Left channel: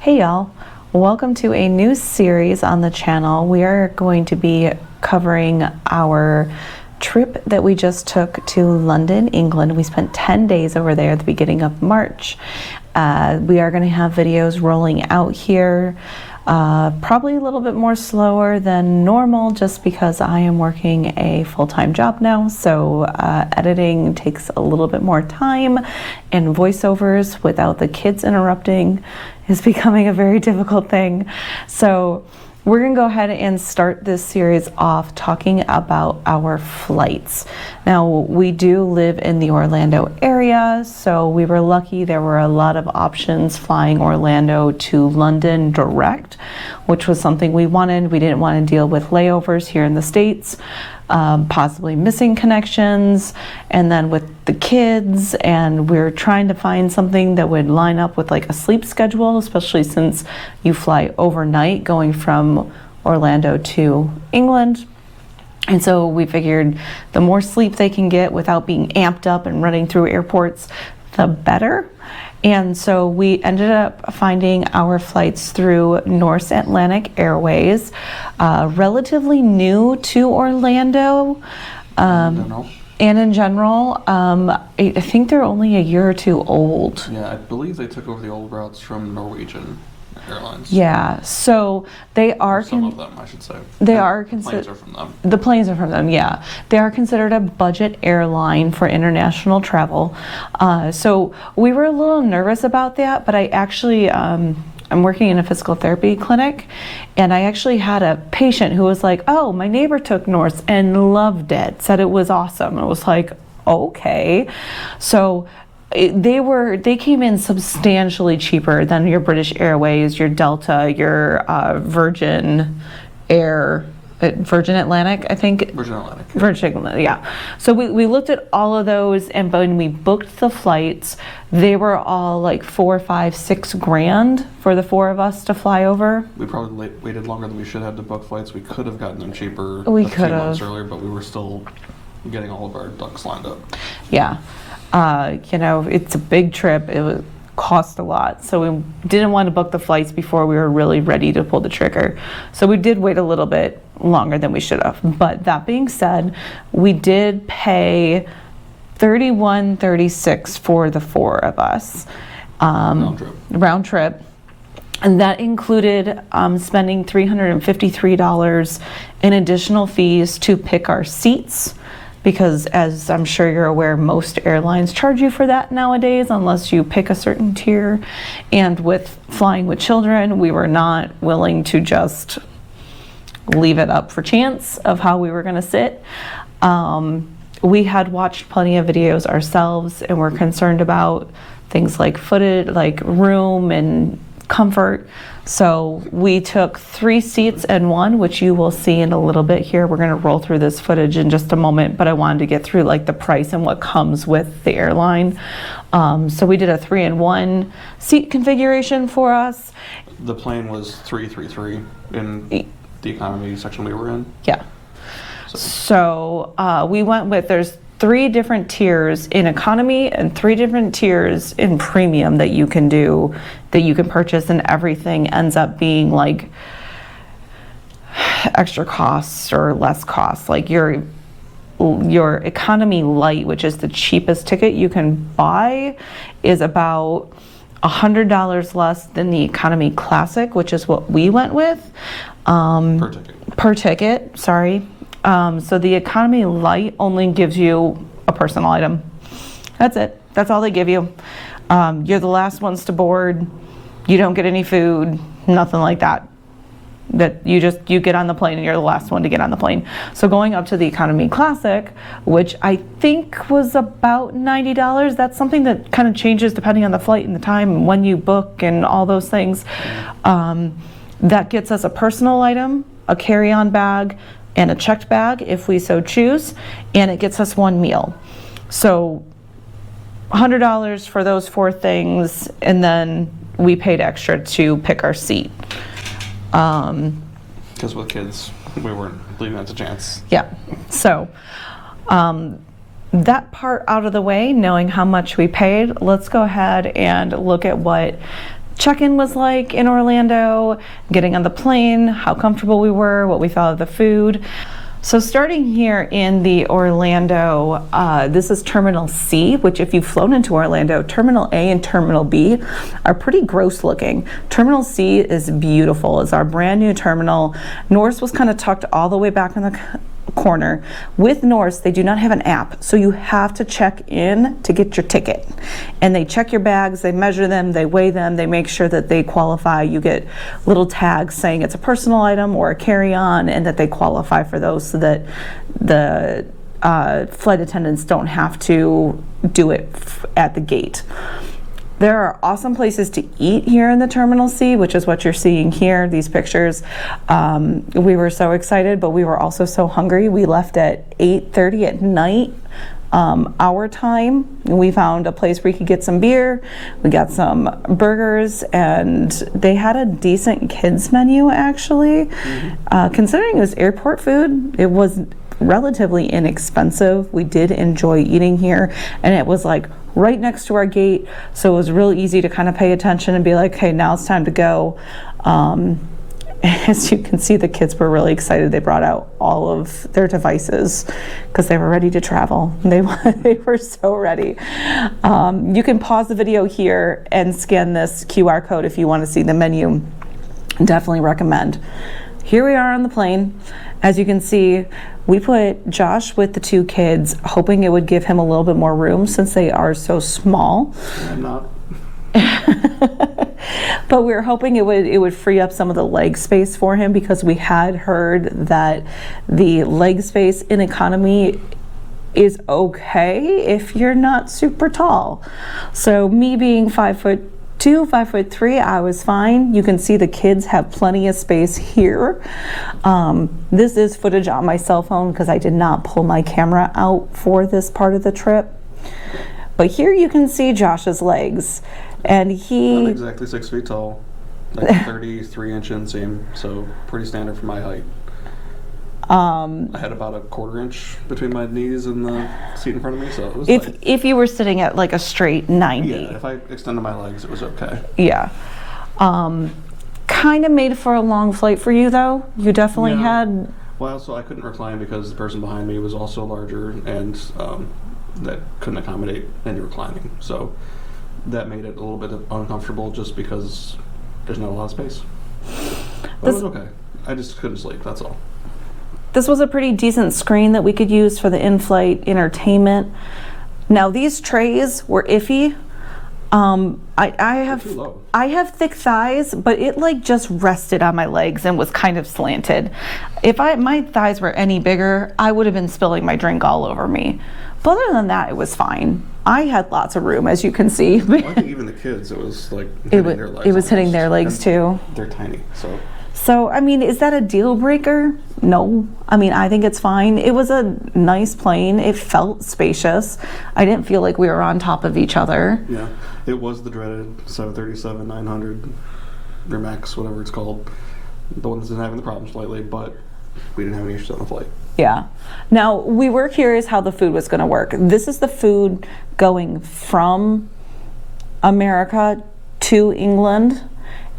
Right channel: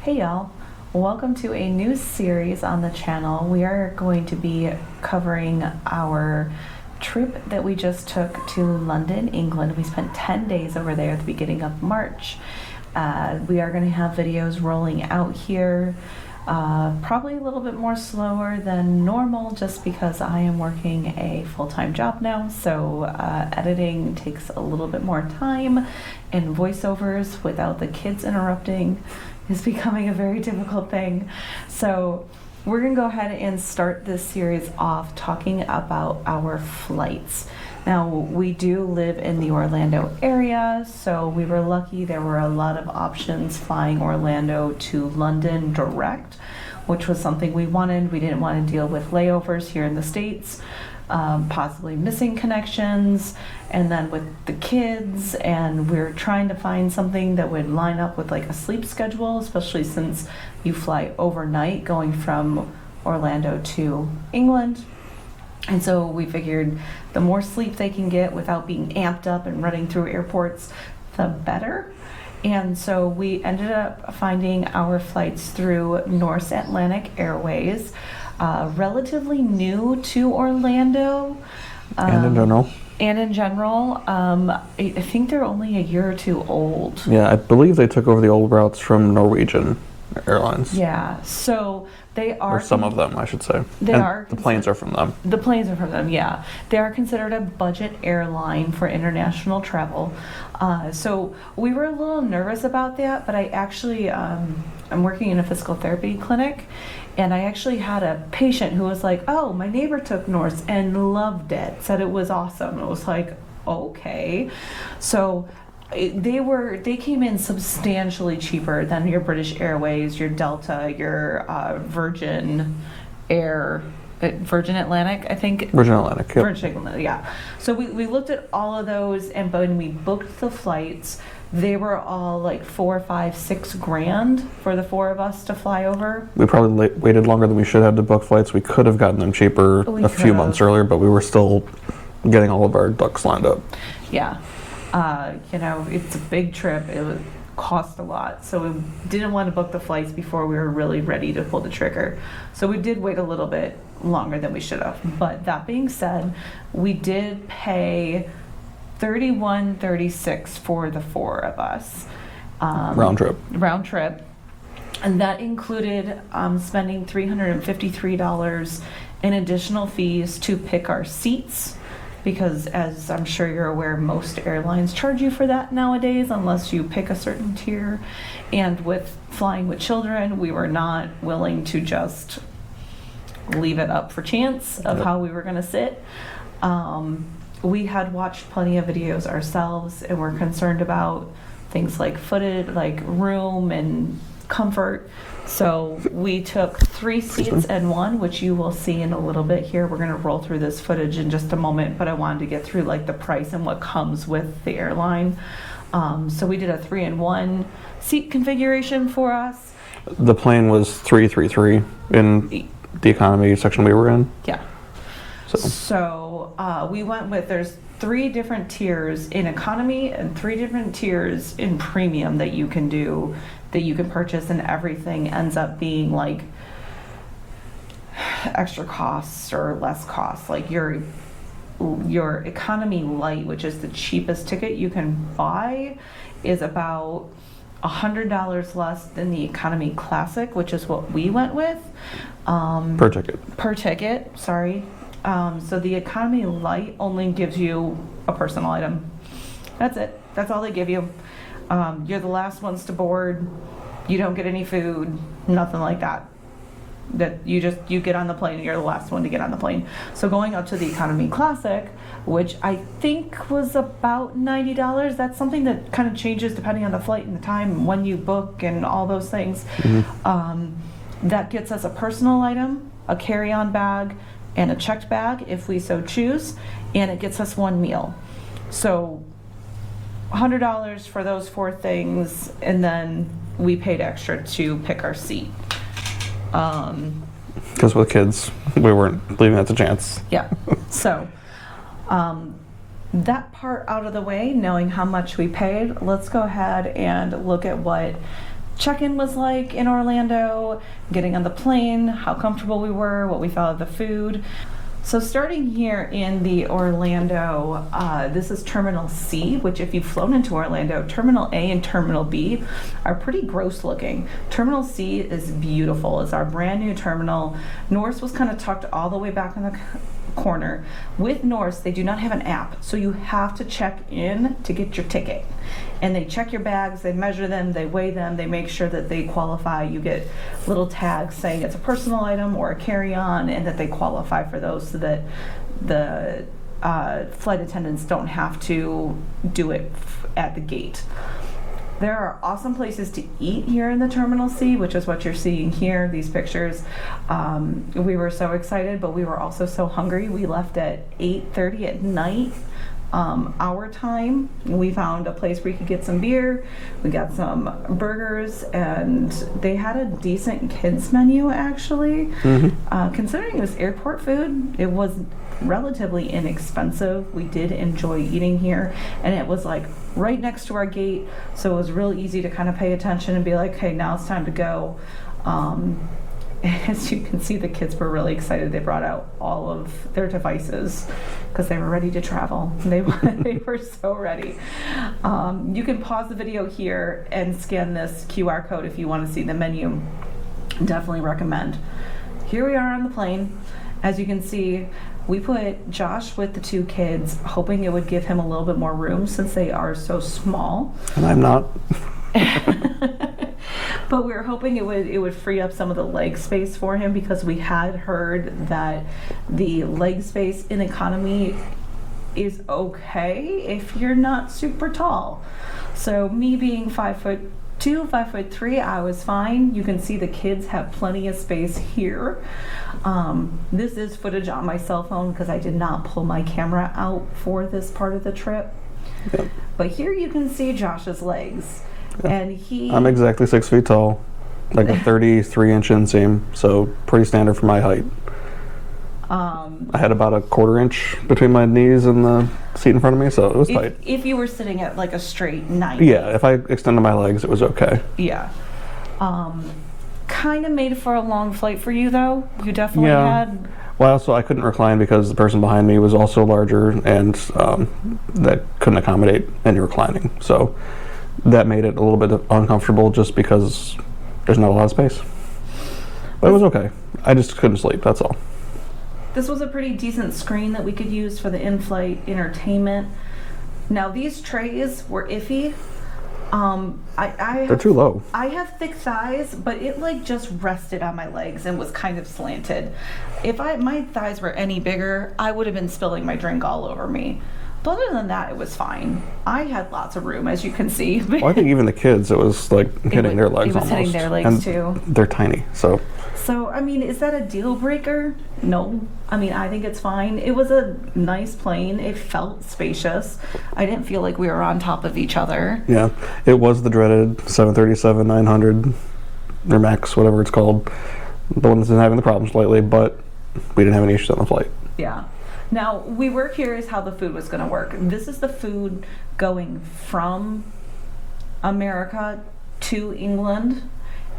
Hey y'all, welcome to a new series on the channel. We are going to be covering our trip that we just took to London, England. We spent 10 days over there at the beginning of March. We are going to have videos rolling out here, probably a little bit more slower than normal just because I am working a full-time job now, so editing takes a little bit more time, and voiceovers without the kids interrupting is becoming a very difficult thing. So we're gonna go ahead and start this series off talking about our flights. Now, we do live in the Orlando area, so we were lucky there were a lot of options flying Orlando to London direct, which was something we wanted. We didn't want to deal with layovers here in the States, possibly missing connections, and then with the kids, and we're trying to find something that would line up with like a sleep schedule, especially since you fly overnight going from Orlando to England. And so we figured the more sleep they can get without being amped up and running through airports, the better. And so we ended up finding our flights through Norse Atlantic Airways, relatively new to Orlando. And in general, I think they're only a year or two old. Yeah, I believe they took over the old routes from Norwegian Airlines. Yeah, so they are... Or some of them, I should say. They and are... The planes are from them. The planes are from them, yeah. They are considered a budget airline for international travel. So we were a little nervous about that, but I actually... I'm working in a physical therapy clinic, and I actually had a patient who was like, oh, my neighbor took Norse and loved it, said it was awesome. It was like, okay. So they came in substantially cheaper than your British Airways, your Delta, your Virgin Atlantic, I think. Virgin Atlantic, yeah. Virgin Atlantic, yeah. So we looked at all of those, and when we booked the flights, they were all like $4, $5, $6 grand for the four of us to fly over. We probably waited longer than we should have to book flights. We could have gotten them cheaper a few months earlier, but we were still getting all of our ducks lined up. Yeah. It's a big trip. It would cost a lot. So we didn't want to book the flights before we were really ready to pull the trigger. So we did wait a little bit longer than we should have. But that being said, we did pay $31.36 for the four of us. Round trip. And that included spending $353 in additional fees to pick our seats, because as I'm sure you're aware, most airlines charge you for that nowadays unless you pick a certain tier. And with flying with children, we were not willing to just leave it up for chance of how we were going to sit. We had watched plenty of videos ourselves, and we're concerned about things like footage, like room and comfort. So we took 3 seats and one, which you will see in a little bit here. We're going to roll through this footage in just a moment, but I wanted to get through like the price and what comes with the airline. So we did a 3-in-1 seat configuration for us. The plane was 333 in the economy section we were in. Yeah. So we went with, there's 3 different tiers in economy and 3 different tiers in premium that you can do, that you can purchase, and everything ends up being like extra costs or less costs. Like your economy light, which is the cheapest ticket you can buy, is about $100 less than the economy classic, which is what we went with. Per ticket, sorry. So the economy light only gives you a personal item. That's it. That's all they give you. You're the last ones to board. You don't get any food, nothing like that. That you get on the plane and you're the last one to get on the plane. So going up to the economy classic, which I think was about $90, that's something that kind of changes depending on the flight and the time and when you book and all those things. Mm-hmm. That gets us a personal item, a carry-on bag, and a checked bag if we so choose, and it gets us 1 meal. So $100 for those 4 things, and then we paid extra to pick our seat. Because with kids, we weren't leaving that to chance. Yeah. So that part out of the way, knowing how much we paid, let's go ahead and look at what check-in was like in Orlando, getting on the plane, how comfortable we were, what we thought of the food. So starting here in the Orlando, this is Terminal C, which if you've flown into Orlando, Terminal A and Terminal B are pretty gross looking. Terminal C is beautiful. It's our brand new terminal. Norse was kind of tucked all the way back in the corner. With Norse, they do not have an app, so you have to check in to get your ticket. And they check your bags, they measure them, they weigh them, they make sure that they qualify. You get little tags saying it's a personal item or a carry-on, and that they qualify for those, so that the flight attendants don't have to do it at the gate. There are awesome places to eat here in the Terminal C, which is what you're seeing here, these pictures. We were so excited, but we were also so hungry. We left at 8:30 at night, our time. We found a place where we could get some beer. We got some burgers, and they had a decent kids menu, actually. Considering it was airport food, it was relatively inexpensive. We did enjoy eating here, and it was like right next to our gate, so it was real easy to kind of pay attention and be like, hey, now it's time to go. As you can see, the kids were really excited. They brought out all of their devices because they were ready to travel. They were so ready. You can pause the video here and scan this QR code if you want to see the menu. Definitely recommend. Here we are on the plane. As you can see, we put Josh with the two kids, hoping it would give him a little bit more room since they are so small. And I'm not. But we were hoping it would free up some of the leg space for him, because we had heard that the leg space in economy is okay if you're not super tall. So me being 5'2", 5'3", I was fine. You can see the kids have plenty of space here. This is footage on my cell phone because I did not pull my camera out for this part of the trip. Yep. But here you can see Josh's legs. And I'm exactly 6 feet tall, like a 33-inch inseam, so pretty standard for my height. I had about a 1/4 inch between my knees and the seat in front of me, so it was tight. If you were sitting at like a straight 90. Yeah, if I extended my legs, it was okay. Yeah. Kind of made for a long flight for you, though. You definitely had... Well, so I couldn't recline because the person behind me was also larger, and that couldn't accommodate any reclining. So that made it a little bit uncomfortable just because there's not a lot of space. But it was okay. I just couldn't sleep, that's all. This was a pretty decent screen that we could use for the in-flight entertainment. Now, these trays were iffy. They're too low. I have thick thighs, but it like just rested on my legs and was kind of slanted. If my thighs were any bigger, I would have been spilling my drink all over me. But other than that, it was fine. I had lots of room, as you can see. Well, I think even the kids, it was like hitting their legs. It was hitting their legs and too. They're tiny, so. So, I mean, is that a deal breaker? No. I mean, I think it's fine. It was a nice plane. It felt spacious. I didn't feel like we were on top of each other. Yeah, it was the dreaded 737-900 or MAX, whatever it's called. The one that's been having the problems lately, but we didn't have any issues on the flight. Yeah. Now, we were curious how the food was going to work. This is the food going from America to England.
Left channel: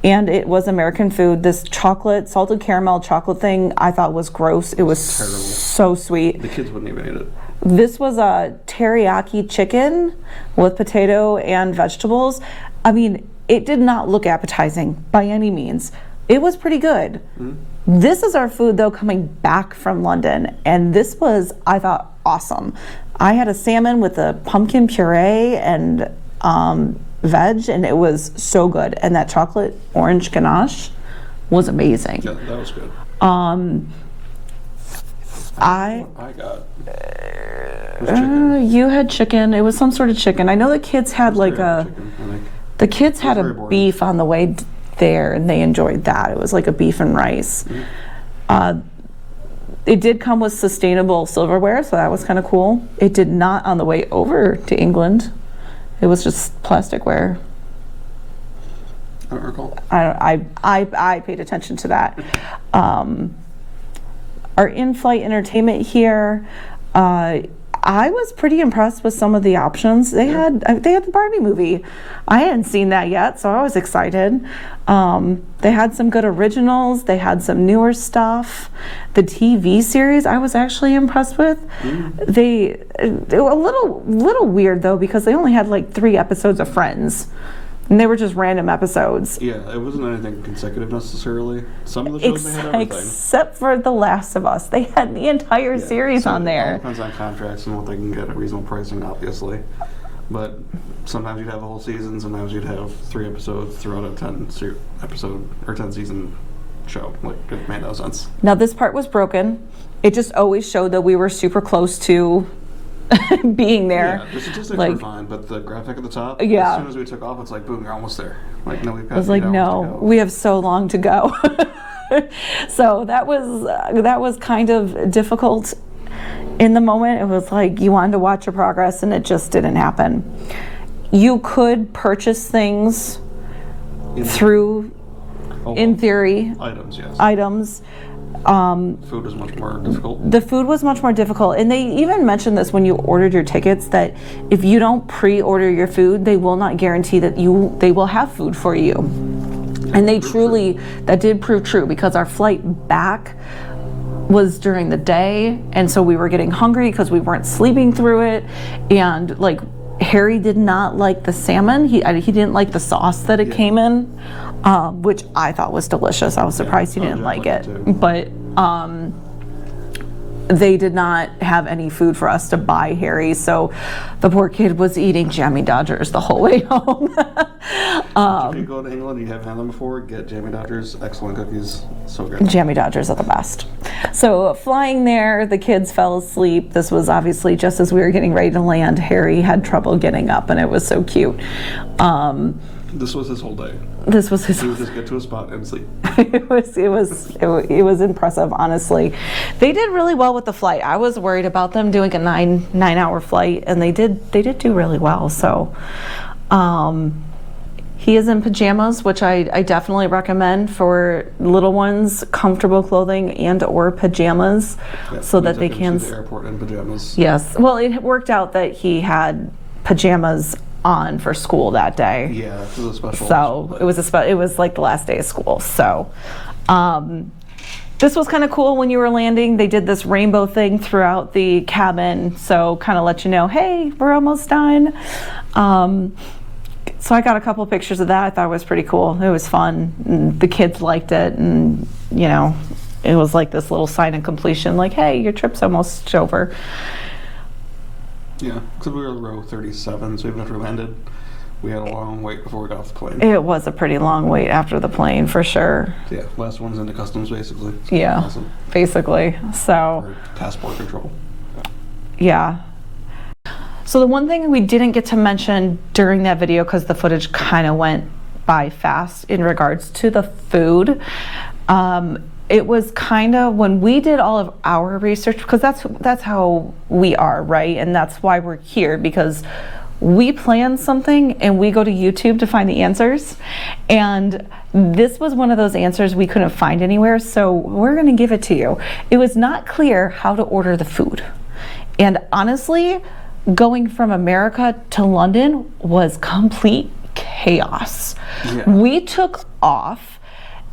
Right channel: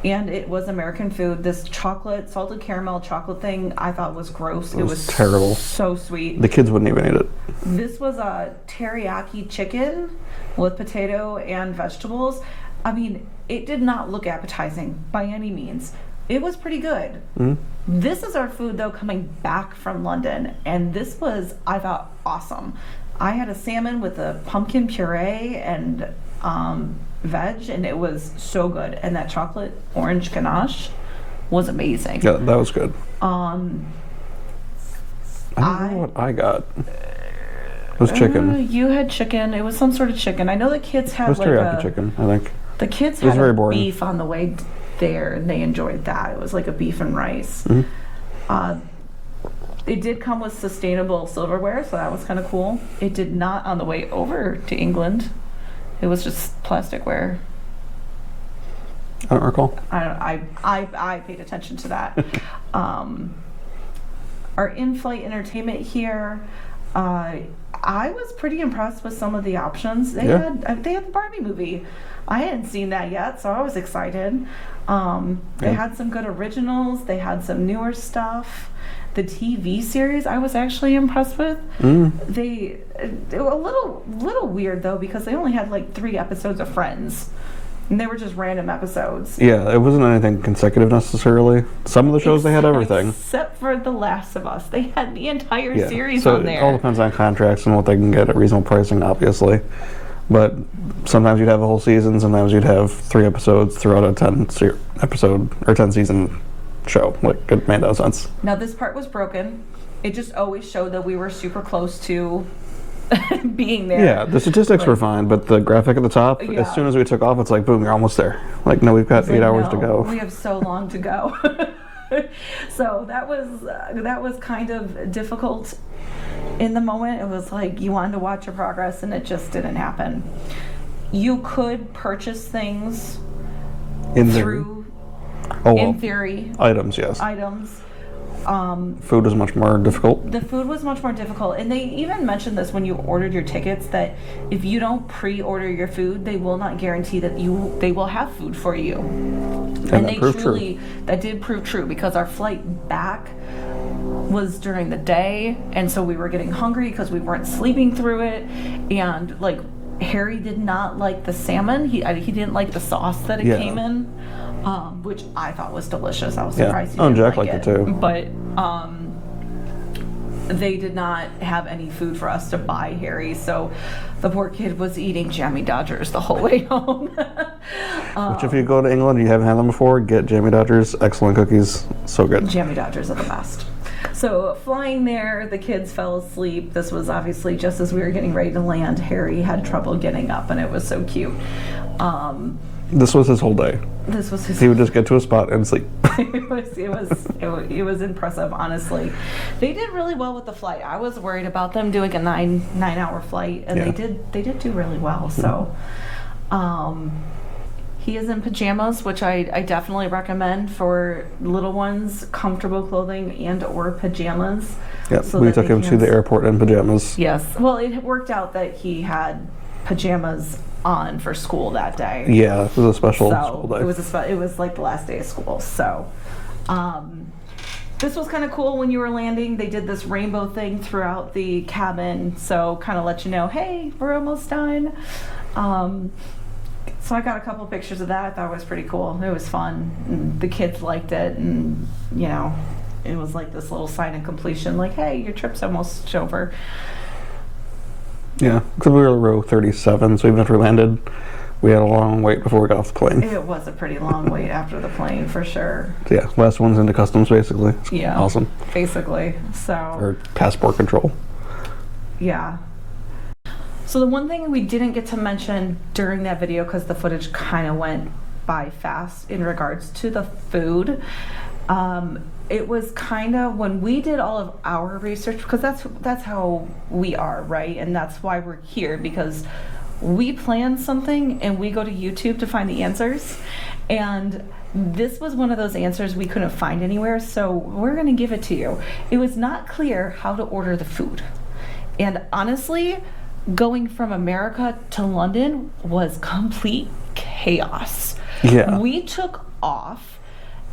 And it was American food. This chocolate, salted caramel chocolate thing, I thought was gross. It was terrible. So sweet. The kids wouldn't even eat it. This was a teriyaki chicken with potato and vegetables. I mean, it did not look appetizing by any means. It was pretty good. Mm-hmm. This is our food, though, coming back from London. And this was, I thought, awesome. I had a salmon with a pumpkin puree and veg, and it was so good. And that chocolate orange ganache was amazing. Yeah, that was good. I don't know what I got. It was chicken. You had chicken. It was some sort of chicken. I know the kids had like a chicken, I think. The kids had a beef on the way there, and they enjoyed that. It was like a beef and rice. Mm-hmm. It did come with sustainable silverware, so that was kind of cool. It did not on the way over to England. It was just plasticware. I don't recall. I paid attention to that. Our in-flight entertainment here, I I was pretty impressed with some of the options. They had the Barbie movie. I hadn't seen that yet, so I was excited. They had some good originals. They had some newer stuff. The TV series I was actually impressed with. They were a little weird though, because they only had like 3 episodes of Friends. And they were just random episodes. Yeah, it wasn't anything consecutive necessarily. Some of the shows they had everything. Except for The Last of Us. They had the entire series on there. It all depends on contracts and what they can get at reasonable pricing, obviously. But sometimes you'd have a whole season, sometimes you'd have 3 episodes throughout a 10-episode or 10-season show. Like, it made no sense. Now, this part was broken. It just always showed that we were super close to being there. Yeah, the statistics were fine, but the graphic at the top, as soon as we took off, it's like, boom, you're almost there. Like, no, we've got 8 hours to go. We have so long to go. So that was kind of difficult in the moment. It was like you wanted to watch your progress, and it just didn't happen. You could purchase things in theory. Items, yes. Items. Food was much more difficult. The food was much more difficult, and they even mentioned this when you ordered your tickets, that if you don't pre-order your food, they will not guarantee that they will have food for you. And they truly, that did prove true, because our flight back was during the day, and so we were getting hungry because we weren't sleeping through it, and like Harry did not like the salmon. He didn't like the sauce that it came in, which I thought was delicious. I was surprised he didn't Jack like liked it. too. But they did not have any food for us to buy Harry, so the poor kid was eating Jammy Dodgers the whole way home. Which, if you go to England and you haven't had them before, get Jammy Dodgers. Excellent cookies, so good. Jammy Dodgers are the best. So flying there, the kids fell asleep. This was obviously just as we were getting ready to land. Harry had trouble getting up, and it was so cute. This was his whole day. He would just get to a spot and sleep. It was impressive, honestly. They did really well with the flight. I was worried about them doing a 9-hour flight, and they did do really well. So he is in pajamas, which I definitely recommend for little ones. Comfortable clothing and or pajamas, so that they can. We took him to the airport in pajamas. Yes. Well, it worked out that he had pajamas on for school that day. Yeah, it was a special school day. It was like the last day of school. So this was kind of cool. When you were landing, they did this rainbow thing throughout the cabin, so kind of let you know, hey, we're almost done. So I got a couple pictures of that. I thought it was pretty cool. It was fun. And the kids liked it, and it was like this little sign of completion, like, hey, your trip's almost over. Yeah, because we were row 37, so even after we landed, we had a long wait before we got off the plane. It was a pretty long wait after the plane, for sure. Yeah, last one's into customs, basically. Yeah. Awesome. Basically, so. Or passport control. Yeah. So the one thing we didn't get to mention during that video, because the footage kind of went by fast in regards to the food, it was kind of when we did all of our research, because that's how we are, right? And that's why we're here, because we plan something and we go to YouTube to find the answers. And this was one of those answers we couldn't find anywhere, so we're going to give it to you. It was not clear how to order the food. And honestly, going from America to London was complete chaos. Yeah. We took off.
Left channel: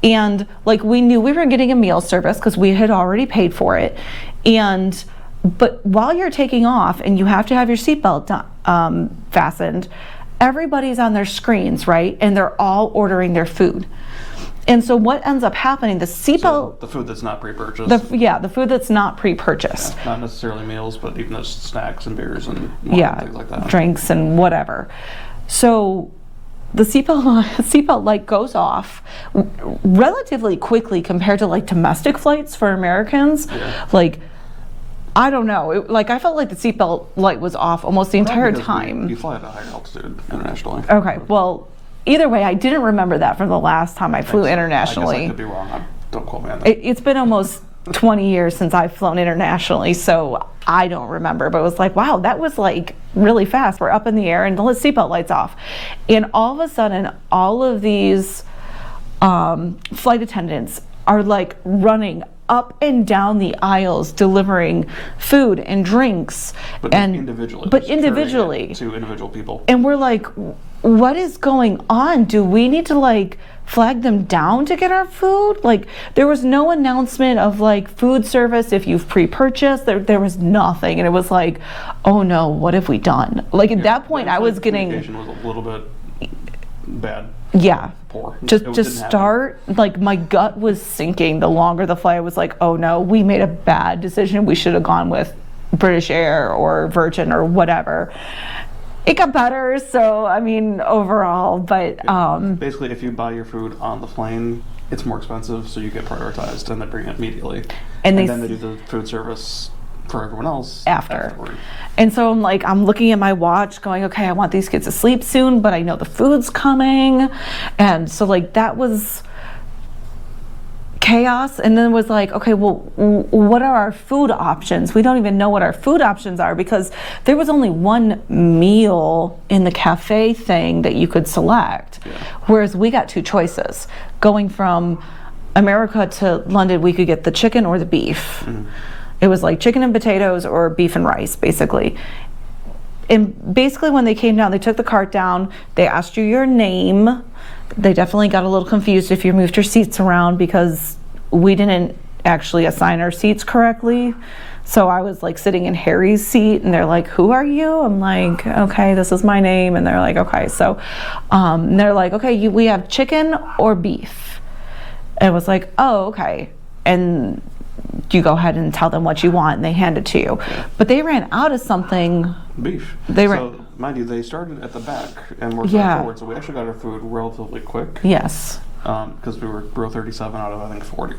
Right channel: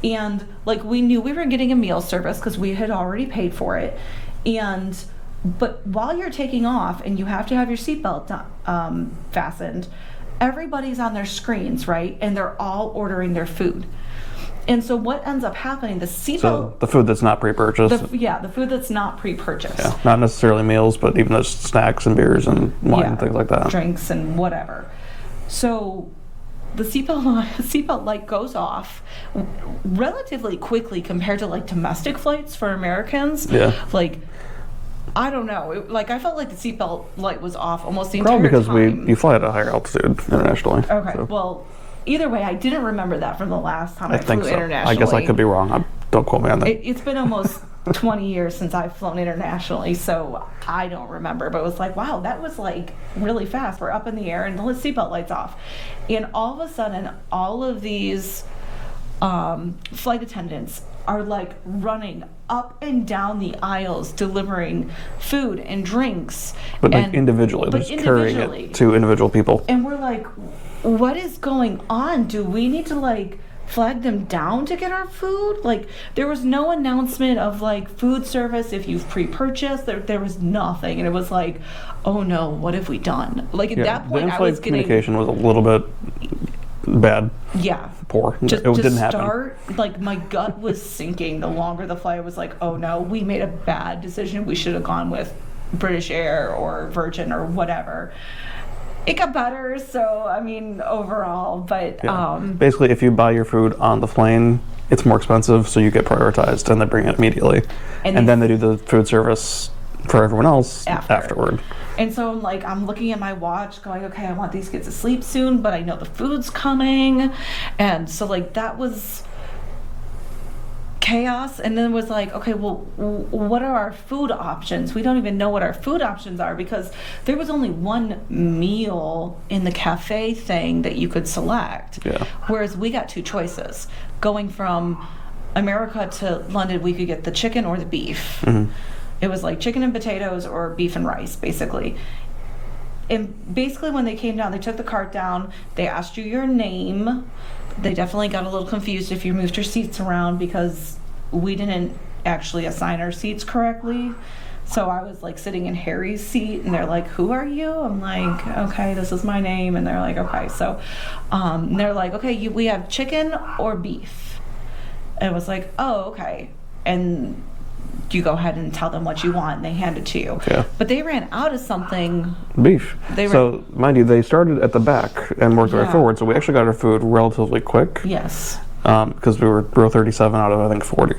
And like, we knew we were getting a meal service because we had already paid for it. But while you're taking off and you have to have your seatbelt fastened, everybody's on their screens, right? And they're all ordering their food. And so what ends up happening, the seatbelt... So the food that's not pre-purchased. The food that's not pre-purchased. Yeah, not necessarily meals, but even just snacks and beers and wine and things like that. Drinks and whatever. So the seatbelt light goes off relatively quickly compared to like domestic flights for Americans. Yeah. Like, I don't know. I felt like the seatbelt light was off almost the entire time. You fly at a higher altitude internationally. Okay. So. Well, either way, I didn't remember that from the last time I flew internationally. I guess I could be wrong. Don't quote me on that. It's been almost 20 years since I've flown internationally, so I don't remember, but it was like, wow, that was like really fast. We're up in the air and the seatbelt light's off. And all of a sudden, all of these flight attendants are like running up and down the aisles delivering food and drinks. But individually. But just carrying individually. it to individual people. And we're like, what is going on? Do we need to like flag them down to get our food? Like, there was no announcement of like food service if you've pre-purchased. There was nothing. And it was like, oh no, what have we done? Like at that point I was getting... Communication was a little bit bad. Yeah. Poor. Just it to didn't start, like my gut was sinking the longer the flight. I was like, oh no, we made a bad decision. We should have gone with British Air or Virgin or whatever. It got better, so I mean overall, but basically if you buy your food on the plane, it's more expensive, so you get prioritized and they bring it immediately. And then they do the food service for everyone else afterward. And so I'm looking at my watch going, okay, I want these kids to sleep soon, but I know the food's coming. And so like that was chaos. And then it was like, okay, well, what are our food options? We don't even know what our food options are because there was only one meal in the cafe thing that you could select. Yeah. Whereas we got two choices. Going from America to London, we could get the chicken or the beef. Mm-hmm. It was like chicken and potatoes or beef and rice, basically. And basically when they came down, they took the cart down, they asked you your name. They definitely got a little confused if you moved your seats around because we didn't actually assign our seats correctly. So I was like sitting in Harry's seat and they're like, who are you? I'm like, okay, this is my name. And they're like, okay. So and they're like, okay, we have chicken or beef. And it was like, oh, okay. And you go ahead and tell them what you want and they hand it to you. Yeah. But they ran out of something. Beef. So mind you, they started at the back and worked their way forward, so we actually got our food relatively quick. Yes. Because we were row 37 out of I think 40.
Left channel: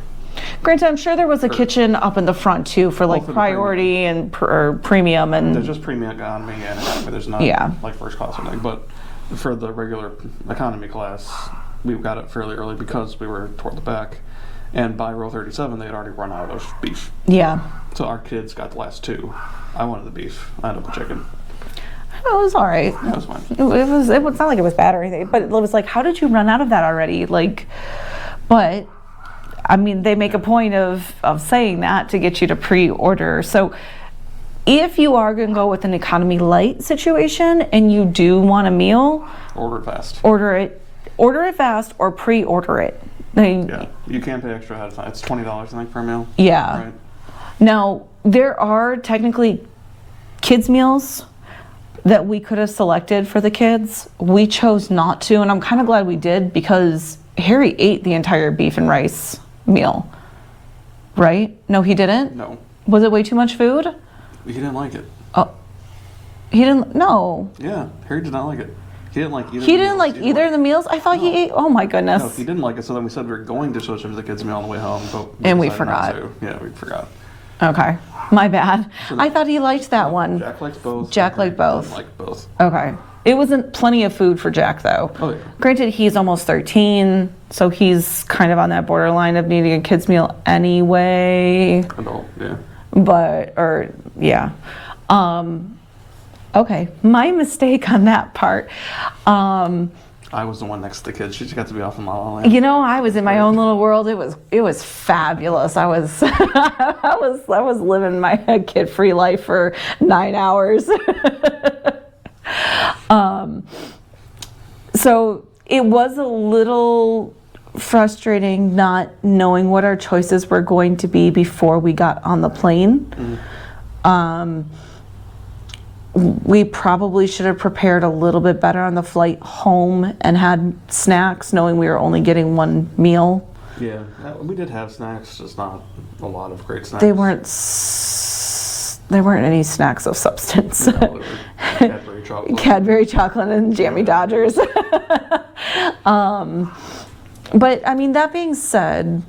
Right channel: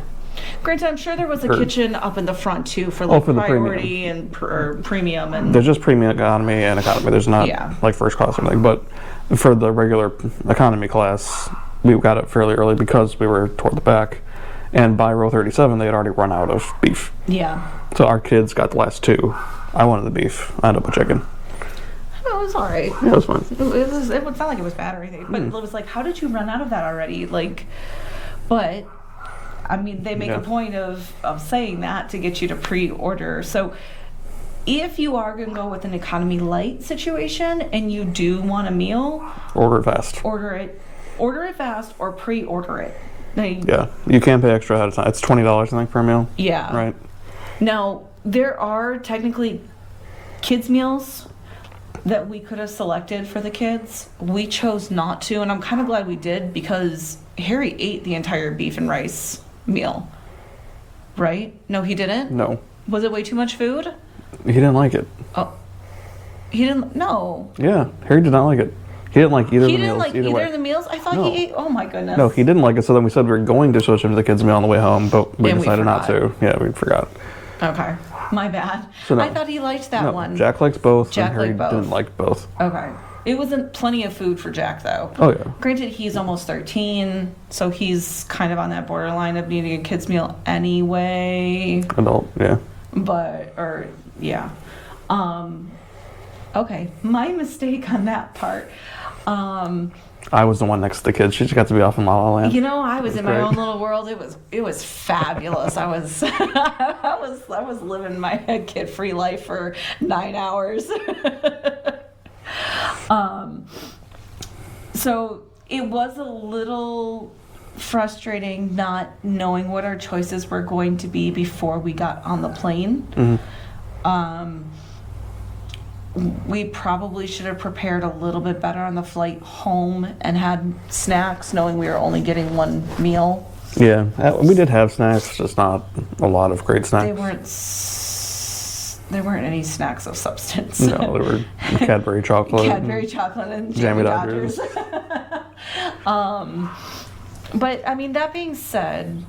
Granted, I'm sure there was a kitchen up in the front too for like priority and premium and... There's just premium, economy, and economy. There's not like first class or anything. But for the regular economy class, we got it fairly early because we were toward the back. And by row 37, they had already run out of beef. Yeah. So our kids got the last two. I wanted the beef. I ended up with chicken. It was all right. Yeah, it was fine. It was not like it was bad or anything, but it was like, how did you run out of that already? Like, but, I mean, they make a point of saying that to get you to pre-order. So if you are going to go with an economy light situation and you do want a meal, order it fast. Order it fast or pre-order it. I mean, yeah, you can't pay extra ahead of time. It's $20, I think, per meal. Yeah. Right. Now, there are technically kids' meals that we could have selected for the kids. We chose not to, and I'm kind of glad we did because Harry ate the entire beef and rice meal. Right? No, he didn't? No. Was it way too much food? He didn't like it. Oh. He didn't? No. Yeah, Harry did not like it. He didn't like either of the meals. He didn't like either of the meals? I thought he ate... Oh, my goodness. No, he didn't like it, so then we said we were going to switch him to the kids' meal on the way home, but we decided not to. Yeah, we forgot. Okay. My bad. So no. I thought he liked that one. Jack likes both. Jack liked both. Didn't like both. Okay. It wasn't plenty of food for Jack, though. Oh, yeah. Granted, he's almost 13, so he's kind of on that borderline of needing a kid's meal anyway. Adult, yeah. Okay, my mistake on that part. I was the one next to the kids. She just got to be off in La La Land. You know, I was in my own little world. It was fabulous. I was I was living my kid-free life for 9 hours. So it was a little frustrating not knowing what our choices were going to be before we got on the plane. Mm-hmm. We probably should have prepared a little bit better on the flight home and had snacks, knowing we were only getting one meal. Yeah, we did have snacks, just not a lot of great snacks. There weren't any snacks of substance. No, there were Cadbury chocolate. Cadbury chocolate and Jammy Dodgers. But I mean, that being said,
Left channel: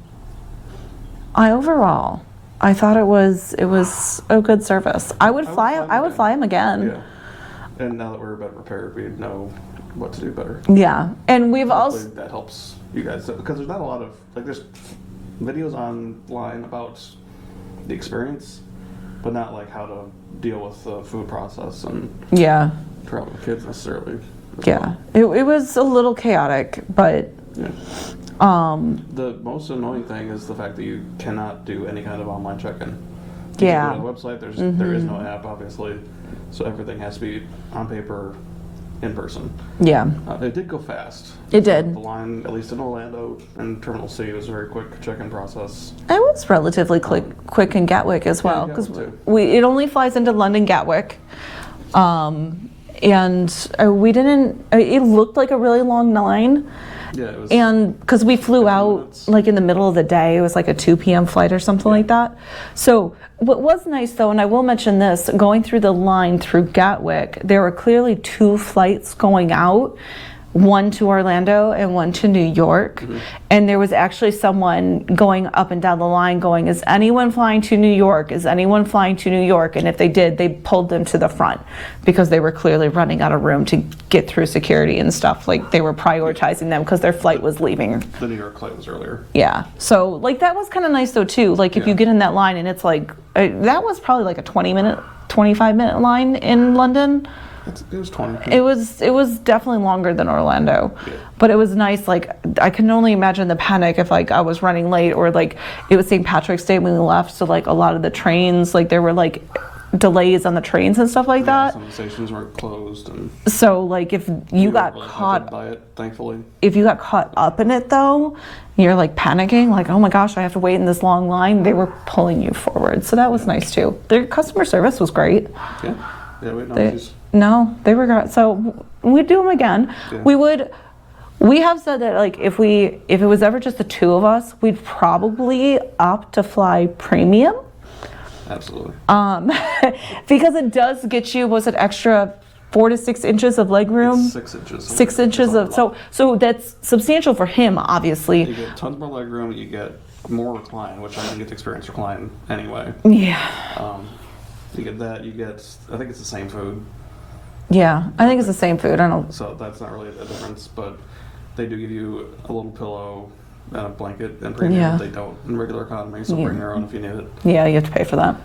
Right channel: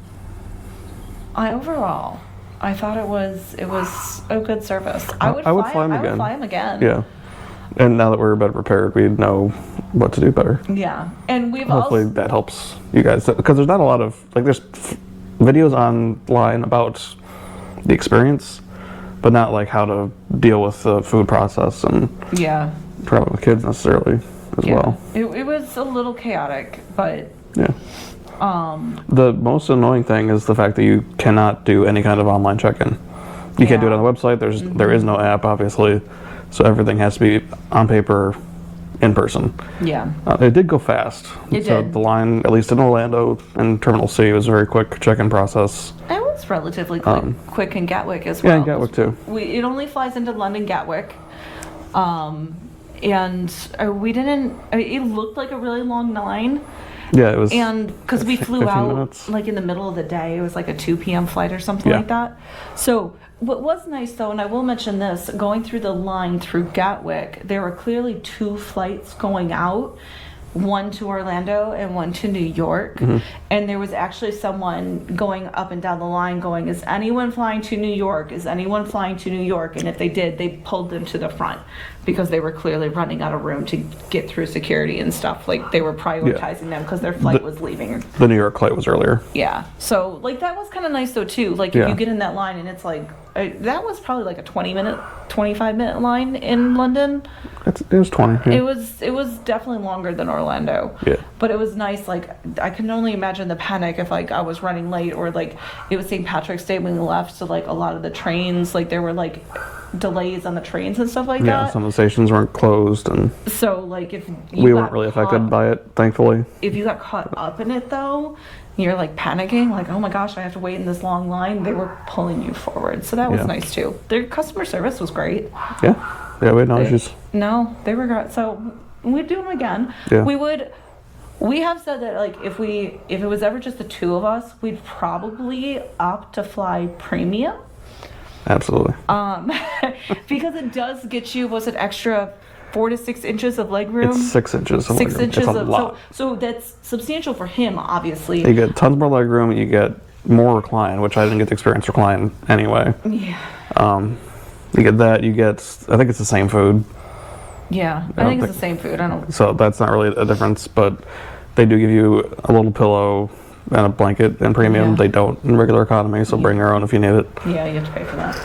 I thought it was a good service. I would fly him again. Yeah, and now that we're better prepared, we know what to do better. Yeah, and hopefully that helps you guys because there's not a lot of there's videos online about the experience, but not like how to deal with the food process and probably with kids necessarily as well. It was a little chaotic, but yeah. The most annoying thing is the fact that you cannot do any kind of online check-in. You can't do it on the website. There is no app, obviously, so everything has to be on paper, in person. Yeah. It did go fast. It did. The line, at least in Orlando and Terminal C, was a very quick check-in process. It was relatively quick in Gatwick as well. Yeah, Gatwick too. It only flies into London Gatwick. And we didn't, it looked like a really long line. Yeah, it was. And because we flew out minutes. like in the middle of the day, it was like a 2 p.m. flight or something like that. So what was nice though, and I will mention this, going through the line through Gatwick, there were clearly 2 flights going out. One to Orlando and one to New York. And there was actually someone going up and down the line going, is anyone flying to New York? Is anyone flying to New York? And if they did, they pulled them to the front because they were clearly running out of room to get through security and stuff. Like they were prioritizing them because their flight was leaving. The New York flight was earlier. Yeah. So like that was kind of nice though too. Like if you get in that line and it's like, that was probably like a 25-minute line in London. It was 20. It was definitely longer than Orlando. Yeah. But it was nice. Like I can only imagine the panic if like I was running late or like it was St. Patrick's Day when we left. So like a lot of the trains, like there were like delays on the trains and stuff like that. Yeah, some of the stations weren't closed, and so like if we you weren't got really caught, affected by it, thankfully. if you got caught up in it though, you're like panicking, like oh my gosh, I have to wait in this long line. They were pulling you forward, so that was nice too. Their customer service was great. Yeah, we had no issues. No, they were great. So we'd do them again. Yeah. We have said that like if it was ever just the 2 of us, we'd probably opt to fly premium. Absolutely. Because it does get you, was it extra 4 to 6 inches of leg room? It's 6 inches. 6 inches of so that's substantial for him, obviously. You get tons more leg room. You get more recline, which I didn't get to experience recline anyway. Yeah. You get that. You get, I think it's the same food. Yeah, I think it's the same food. I don't. So that's not really a difference, but they do give you a little pillow and a blanket in premium. Yeah. They don't in regular economy, so bring your own if you need it. Yeah, you have to pay for that.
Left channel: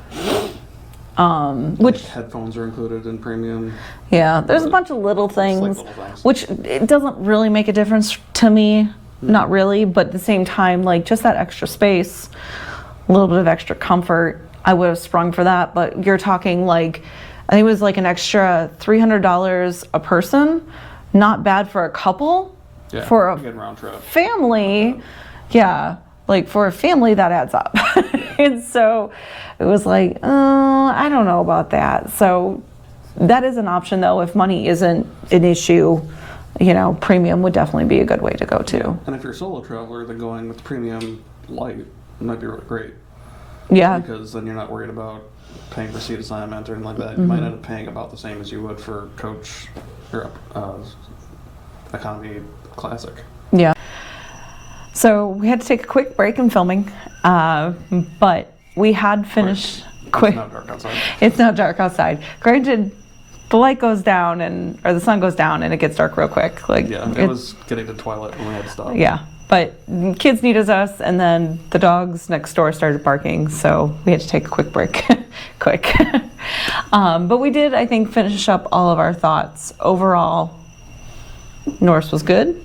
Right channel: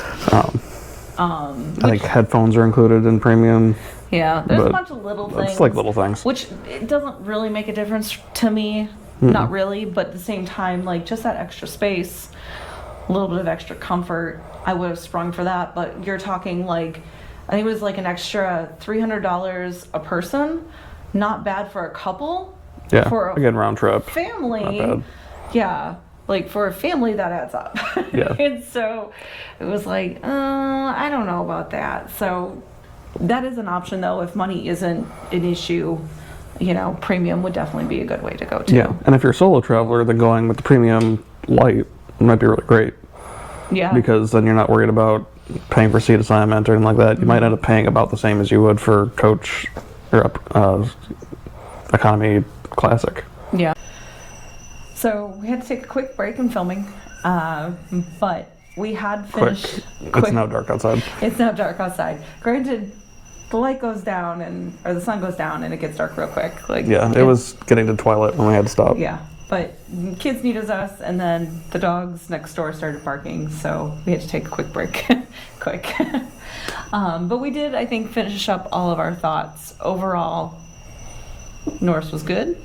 I think headphones are included in premium. Yeah, there's a bunch of little things. It's like little things. Which it doesn't really make a difference to me. Not really, but at the same time, like just that extra space, a little bit of extra comfort, I would have sprung for that. But you're talking like, I think it was like an extra $300 a person. Not bad for a couple. Yeah, for a again, round trip. family. Yeah, like for a family that adds up. Yeah. And so it was like, I don't know about that. So that is an option though. If money isn't an issue, you know, premium would definitely be a good way to go too. Yeah, and if you're a solo traveler, then going with the premium light might be really great. Yeah. Because then you're not worried about paying for seat assignment or anything like that. You might end up paying about the same as you would for coach or economy classic. Yeah. So we had to take a quick break in filming, but we had finished. Quick. It's now dark outside. It's now dark outside. Granted, the light goes down or the sun goes down and it gets dark real quick. Like yeah, it was getting to twilight when we had to stop. Yeah, but kids needed us, and then the dogs next door started barking, so we had to take a quick break. Quick. But we did, I think, finish up all of our thoughts. Overall, Norse was good.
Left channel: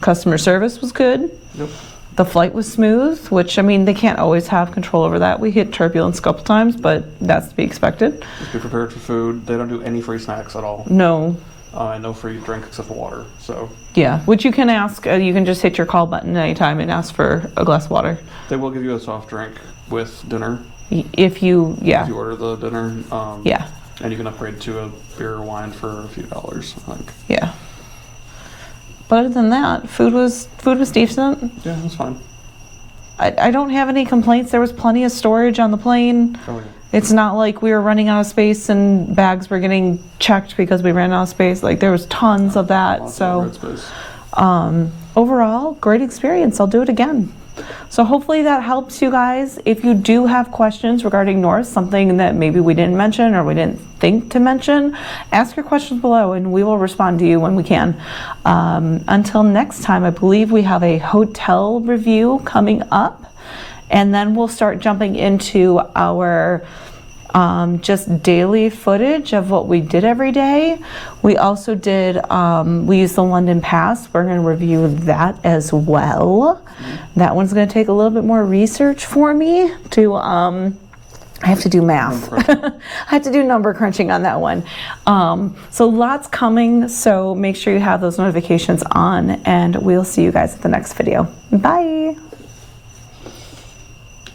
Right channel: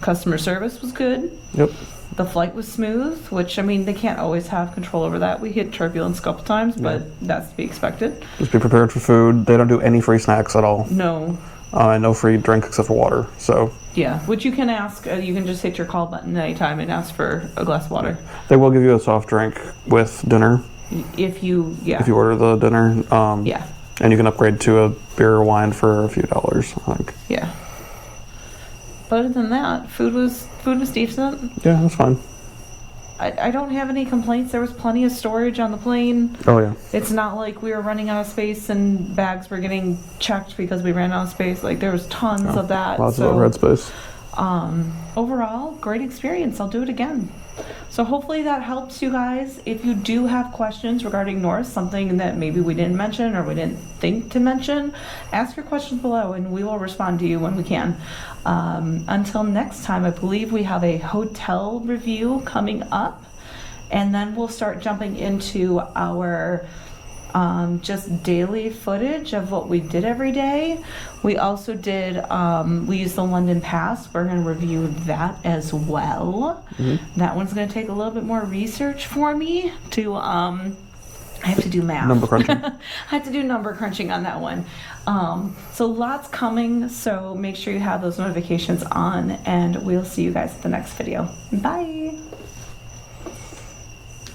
Customer service was good. Yep. The flight was smooth, which, I mean, they can't always have control over that. We hit turbulence a couple times, but that's to be expected. Just be prepared for food. They don't do any free snacks at all. No. And no free drink except for water. So. Yeah, which you can ask. You can just hit your call button anytime and ask for a glass of water. They will give you a soft drink with dinner. If you order the dinner. Yeah. And you can upgrade to a beer or wine for a few dollars, I think. Yeah. But other than that, food was decent. Yeah, that's fine. I don't have any complaints. There was plenty of storage on the plane. Oh yeah. It's not like we were running out of space and bags were getting checked because we ran out of space. Like there was tons of that. Lots of overhead space. Overall, great experience. I'll do it again. So hopefully that helps you guys. If you do have questions regarding Norse, something that maybe we didn't mention or we didn't think to mention, ask your questions below and we will respond to you when we can. Until next time, I believe we have a hotel review coming up, and then we'll start jumping into our just daily footage of what we did every day. We also did, we used the London Pass. We're going to review that as well. That one's going to take a little bit more research for me to, I have to do math. Number crunching. I have to do number crunching on that one. So lots coming, so make sure you have those notifications on, and we'll see you guys at the next video. Bye.